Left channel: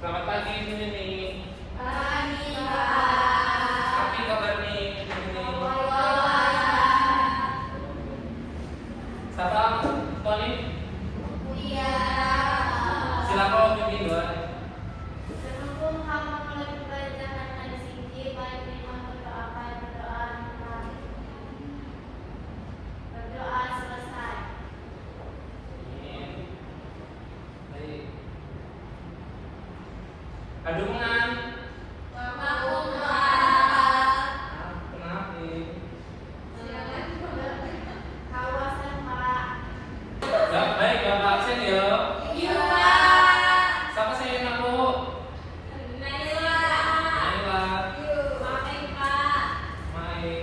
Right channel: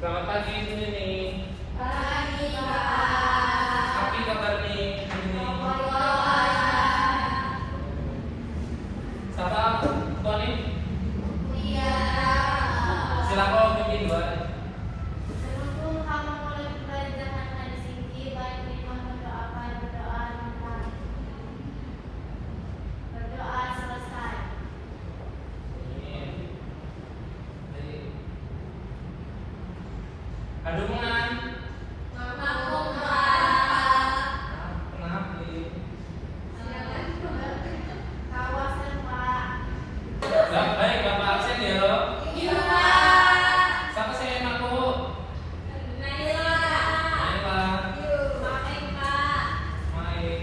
Selamat pagi Nini. Pagi, Pak. Apa kabar nih Nini? Salam Tony. Iya. Silakan Nini buat. Sebelum kamu mulai pembelajaran dari sini, baik kita berdoakan doa kami. Berdoa selesai. Adungan. Kenapa? Kenapa nih? Kawasan Pak. Baik, Bapak absen ya. Iya, Pak. Siapa saya yang aku? Naila. Naila. Maafin, Pak. Main.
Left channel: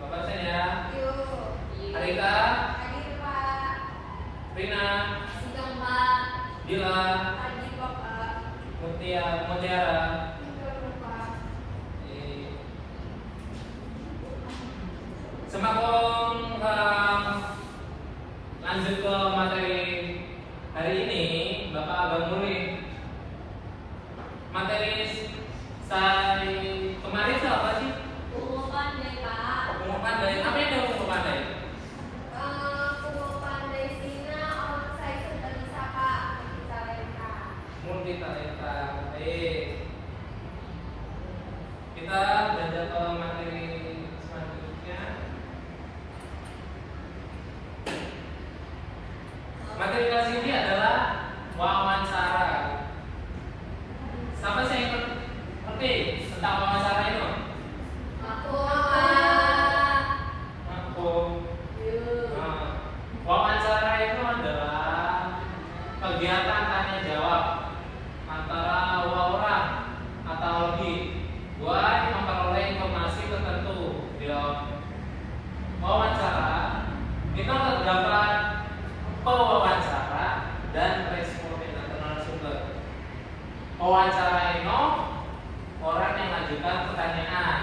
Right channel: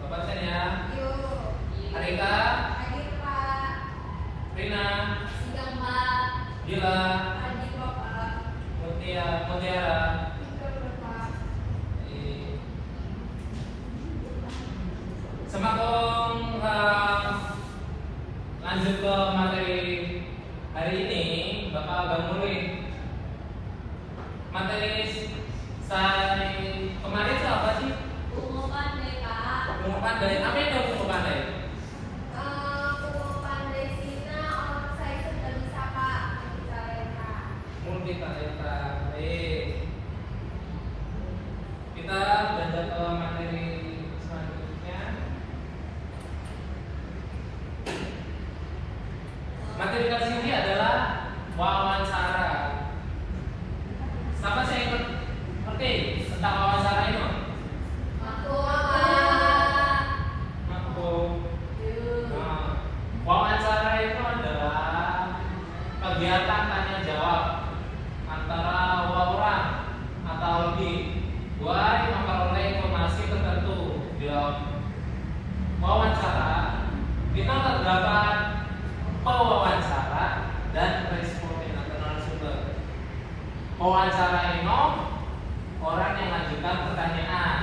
Bapak absen ya. Yuk. Alika. Hadir, Pak. Rina. Sidang, Pak. Dila. Hadir, Bapak. Mutiara. Pak. Semangat tolong lanjut ke materi hari ini, Bapak Abang Murid. Materi saya kemarin itu apa sih? Pengumuman deh, Pak. Pengumuman dari apa itu pengumuman dari? Pengumuman dari sini orang saya sudah bisa, Pak. Multitalenta. Kita belajar ke materi selanjutnya. Materi kali ini adalah wawancara. Sama sih yang penting tentang wawancara itu? Aku, Pak. Aku. Nah, wawancara itu adalah kegiatan tanya jawab antara orang atau lebih buat memperoleh informasi tertentu. Di dalam wawancara kita terdapat pewawancara dan responden atau narasumber. Pewawancara itu orang yang mengajukan pertanyaan,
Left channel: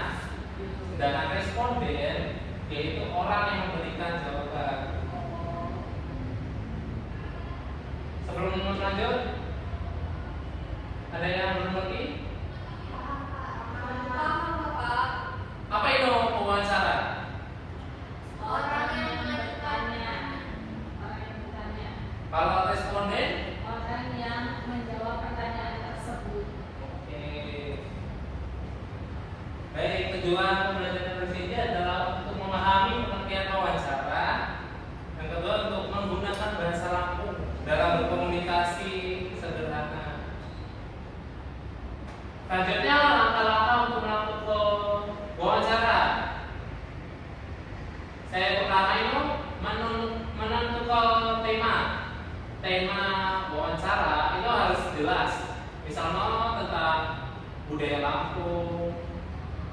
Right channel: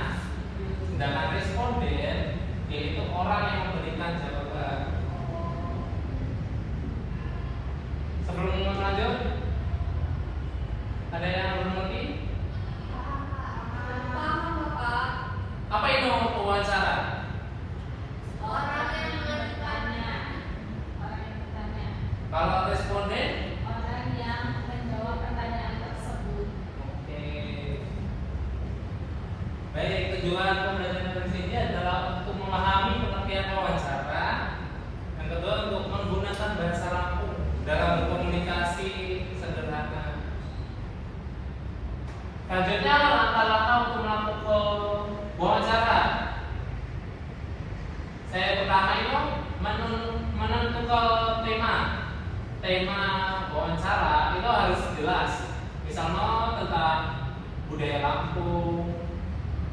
sedangkan responden yaitu orang yang memberikan jawaban. Sebelum lanjut, ada yang belum ngerti? Apa itu wawancara? Orang yang mengajukannya. Kalau responden, Orang yang menjawab pertanyaan tersebut. baik, tujuan pembelajaran di sini adalah untuk memahami pengertian wawancara. Yang kedua untuk menggunakan bahasa lampung dalam berkomunikasi sederhana. Selanjutnya langkah-langkah untuk melakukan wawancara. Saya pertama itu menentukan tema wawancara itu harus jelas. Misalnya tentang budaya Lampung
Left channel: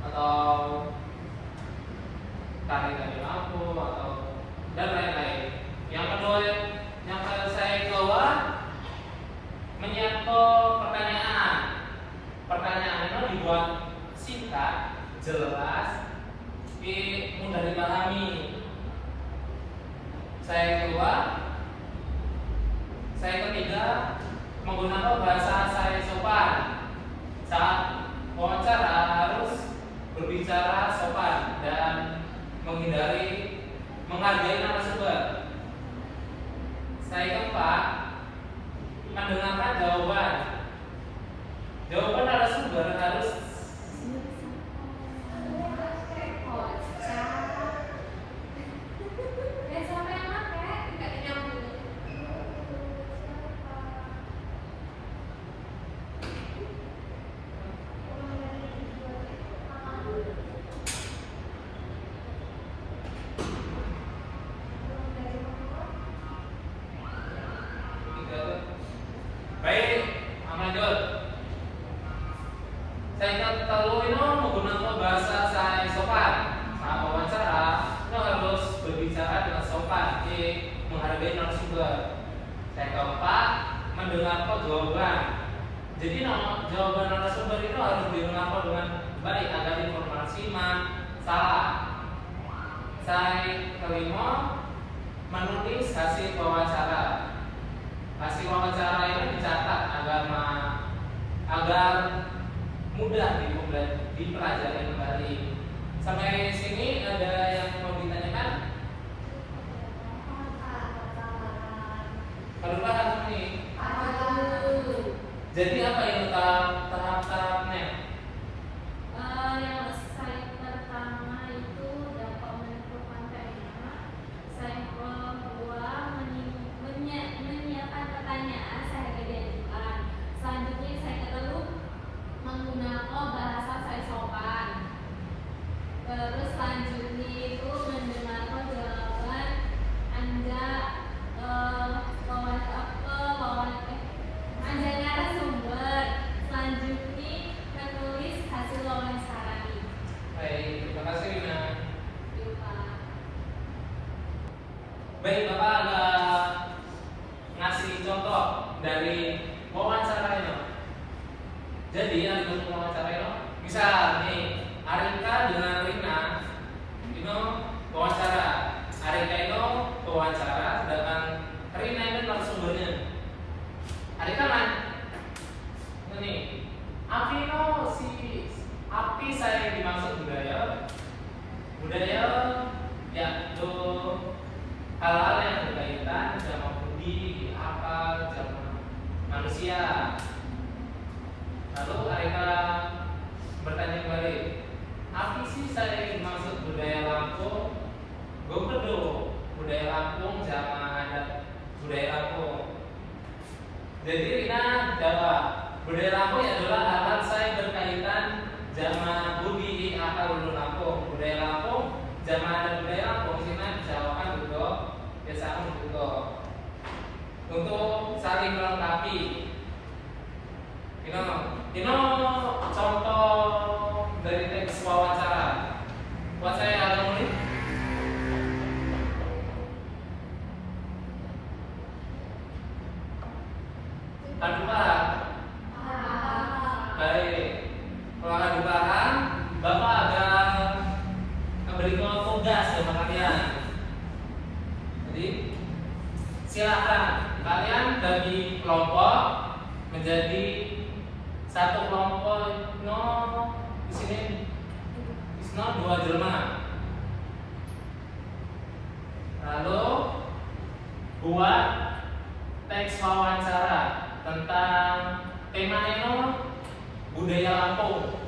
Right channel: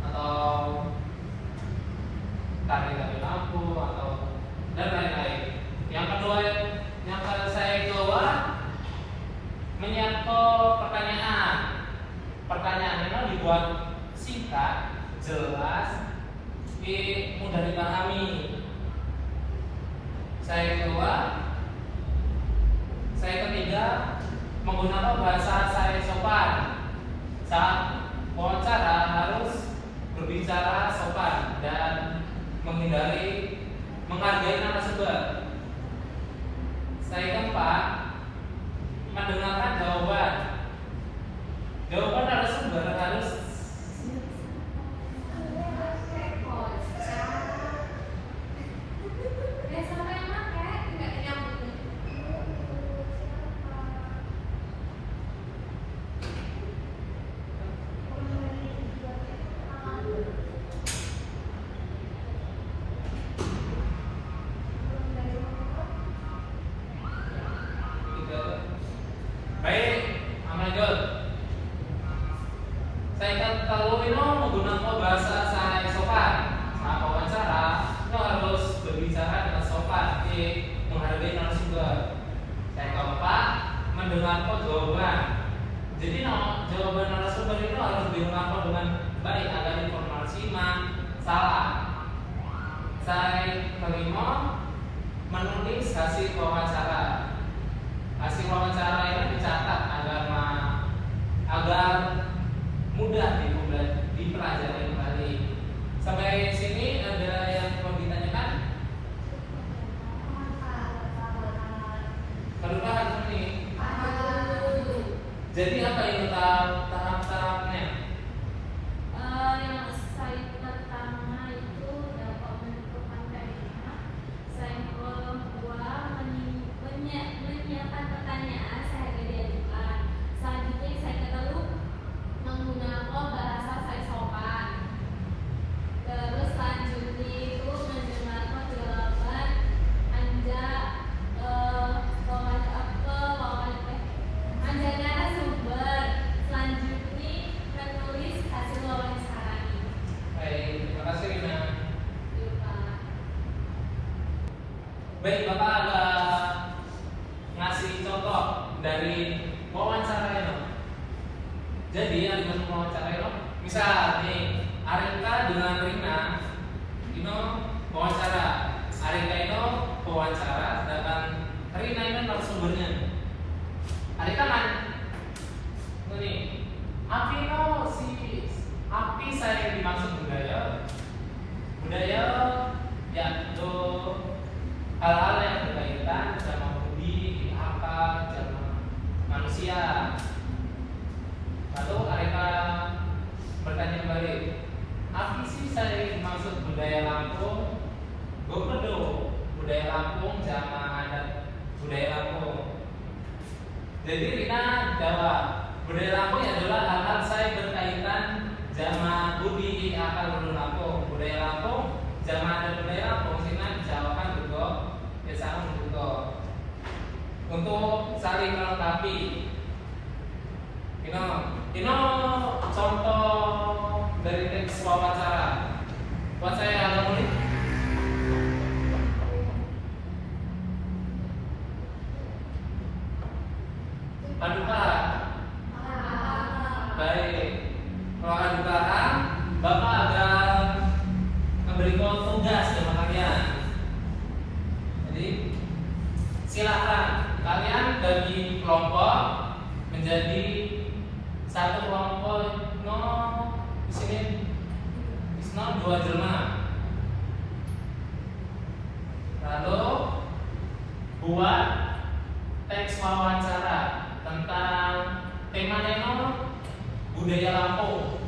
atau tari-tari Lampung atau dan lain-lain. Yang kedua yang saya coba menyiapkan pertanyaan. Pertanyaannya itu dibuat singkat, jelas, mudah dipahami. Saya ketiga menggunakan bahasa saya sopan. Saat wawancara harus berbicara sopan dan menghargai narasumber. Saya keempat mendengarkan jawaban. Jawaban narasumber harus baik, lanjut. Saya kalau ini menggunakan bahasa saya sopan. Saat wawancara, itu harus berbicara dengan sopan, menghargai narasumber. Saya keempat, mendengarkan jawaban. Jadi jawaban narasumber itu harus didengarkan dengan baik agar informasi salah. Saya kelima, menulis hasil wawancara. Hasil wawancara ini dicatat agar Jadi apa itu tahap-tahapnya? Yang saya pertama itu dapat menentukan tema, saya kedua menyiapkan pertanyaan saya identitas, selanjutnya saya kedua menggunakan bahasa saya sopan, terus selanjutnya itu mendengarkan jawaban anda anda narasumber, selanjutnya menulis hasil wawancara. Baik, terima kasih Wina. Yuk, Pak. Baik, Bapak agak ngasih contoh dari wawancara itu. Jadi yang untuk wawancara itu, misal nih Arika dengan Rina itu wawancara. Arika itu wawancara dengan Rina itu narasumbernya. Arika kan, ini api itu api saya dimaksud budaya yaitu hal-hal yang berkaitan sama budi, akal, sama manusia. Lalu mereka bertanya kembali, apa sih saya dimaksud budaya Lampung? Gue bedo budaya Lampung jangan ada budaya Lampung. Jadi Rina jawab, budaya Lampung adalah hal-hal saya berkaitan sama budi, akal, Lampung. Budaya Lampung jangan ada budaya Lampung. Sini dijawabkan juga, biasanya juga. Untuk saling melengkapi. Ini contoh dari teks wawancara. Buat saya ada murid. Adu paham? Baik. Kalau adu paham, Bapak akan memberikan tugas kepada kalian. Jadi silakan kalian bagi kelompok menjadi satu kelompok di sini dua Jerman. Lalu buat teks wawancara tentang temanya budaya Lampung.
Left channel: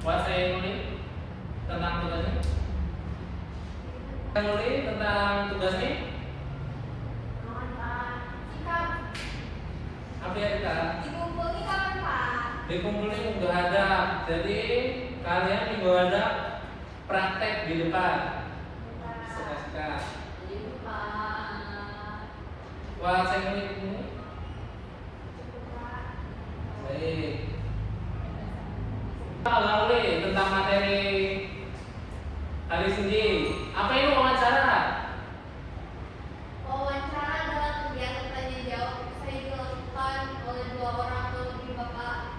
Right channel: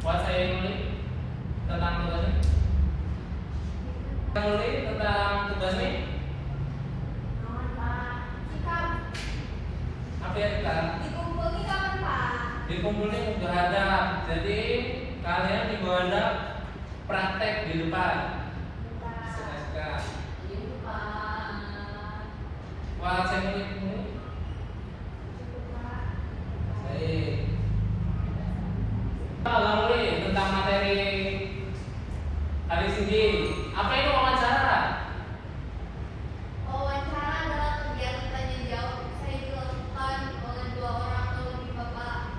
Buat saya nulis tentang tugas ini. Nulis tentang tugas ini. Apa ya kita? Dikumpulin kapan, Pak? Dikumpulin udah ada. Jadi kalian juga ada praktek di depan. Itu, Pak. Wah, saya nulis ini. Cukup, Pak. Baik. Lalu tentang materi hari ini. Apa itu wawancara? Wawancara adalah kegiatan tanya jawab saya dilakukan oleh dua orang atau lebih, Bapak.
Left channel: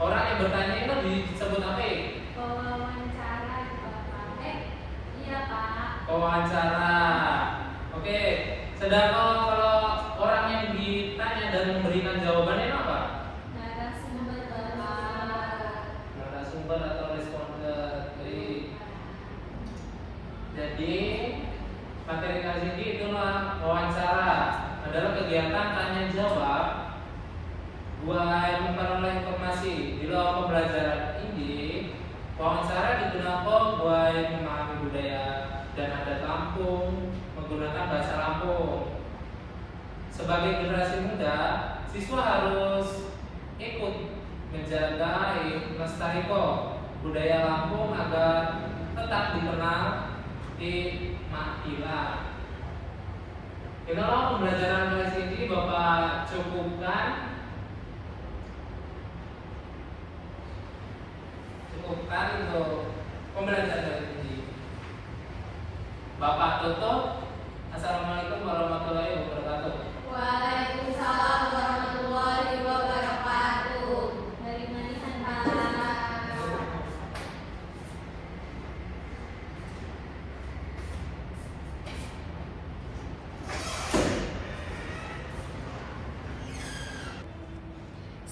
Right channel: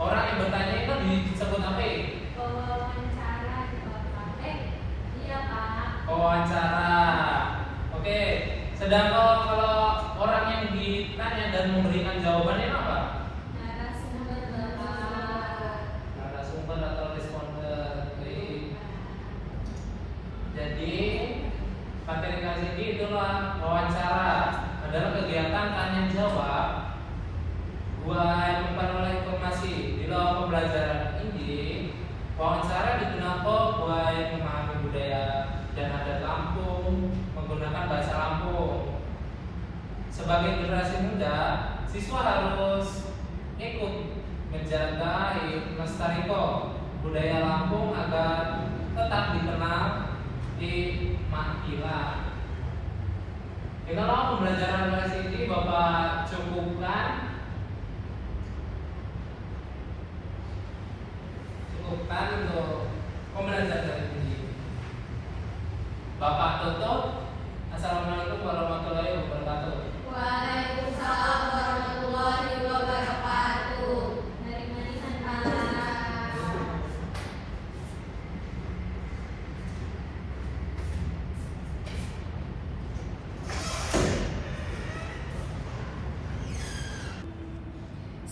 Orang yang bertanya itu disebut apa? Wawancara, Bapak. Iya, Pak. Wawancara. Oke. Sedangkan kalau orang yang ditanya dan memberikan jawabannya apa? Narasumber, Bapak. Narasumber atau responder. Jadi materi kali ini itulah wawancara, adalah kegiatan tanya jawab buat penerima informasi. Di dalam pembelajaran ini, wawancara digunakan buat memahami budaya dan adat Lampung menggunakan bahasa Lampung. Sebagai generasi muda, siswa harus ikut menjaga melestarikan budaya Lampung agar tetap dikenal di Makilan. Kalau pembelajaran dari sini Bapak cukupkan untuk pembelajaran ini. Bapak tutup. Assalamualaikum warahmatullahi wabarakatuh. Waalaikumsalam warahmatullahi wabarakatuh. Dari manisan Pak.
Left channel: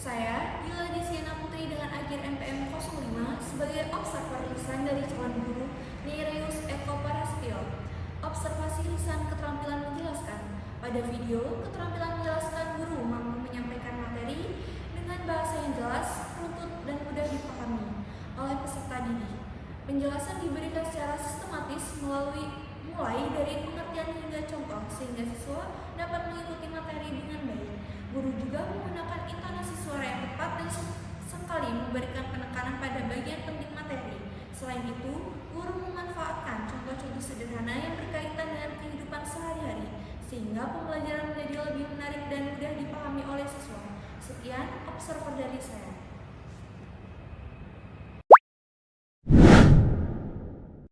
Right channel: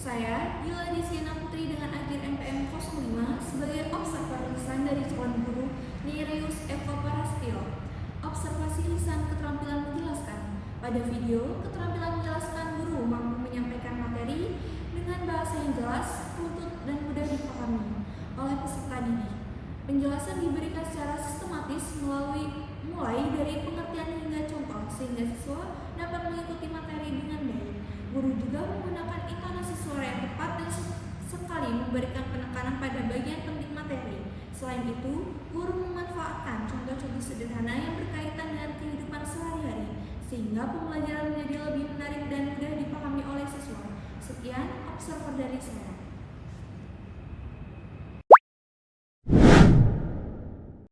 Saya, Yula Desiana Putri dengan Agir MPM 05 sebagai observer lisan dari calon guru Nereus Eko Parastio. Observasi lisan keterampilan menjelaskan. Pada video, keterampilan menjelaskan guru mampu menyampaikan materi dengan bahasa yang jelas, runtut, dan mudah dipahami oleh peserta didik. Penjelasan diberikan secara sistematis mulai dari pengertian hingga contoh sehingga siswa dapat mengikuti materi dengan baik. Guru juga menggunakan intonasi suara yang tepat dan sekali memberikan penekanan pada bagian penting materi. Selain itu, guru memanfaatkan contoh-contoh sederhana yang berkaitan dengan kehidupan sehari-hari sehingga pembelajaran menjadi lebih menarik dan mudah dipahami oleh siswa. Sekian observer dari saya.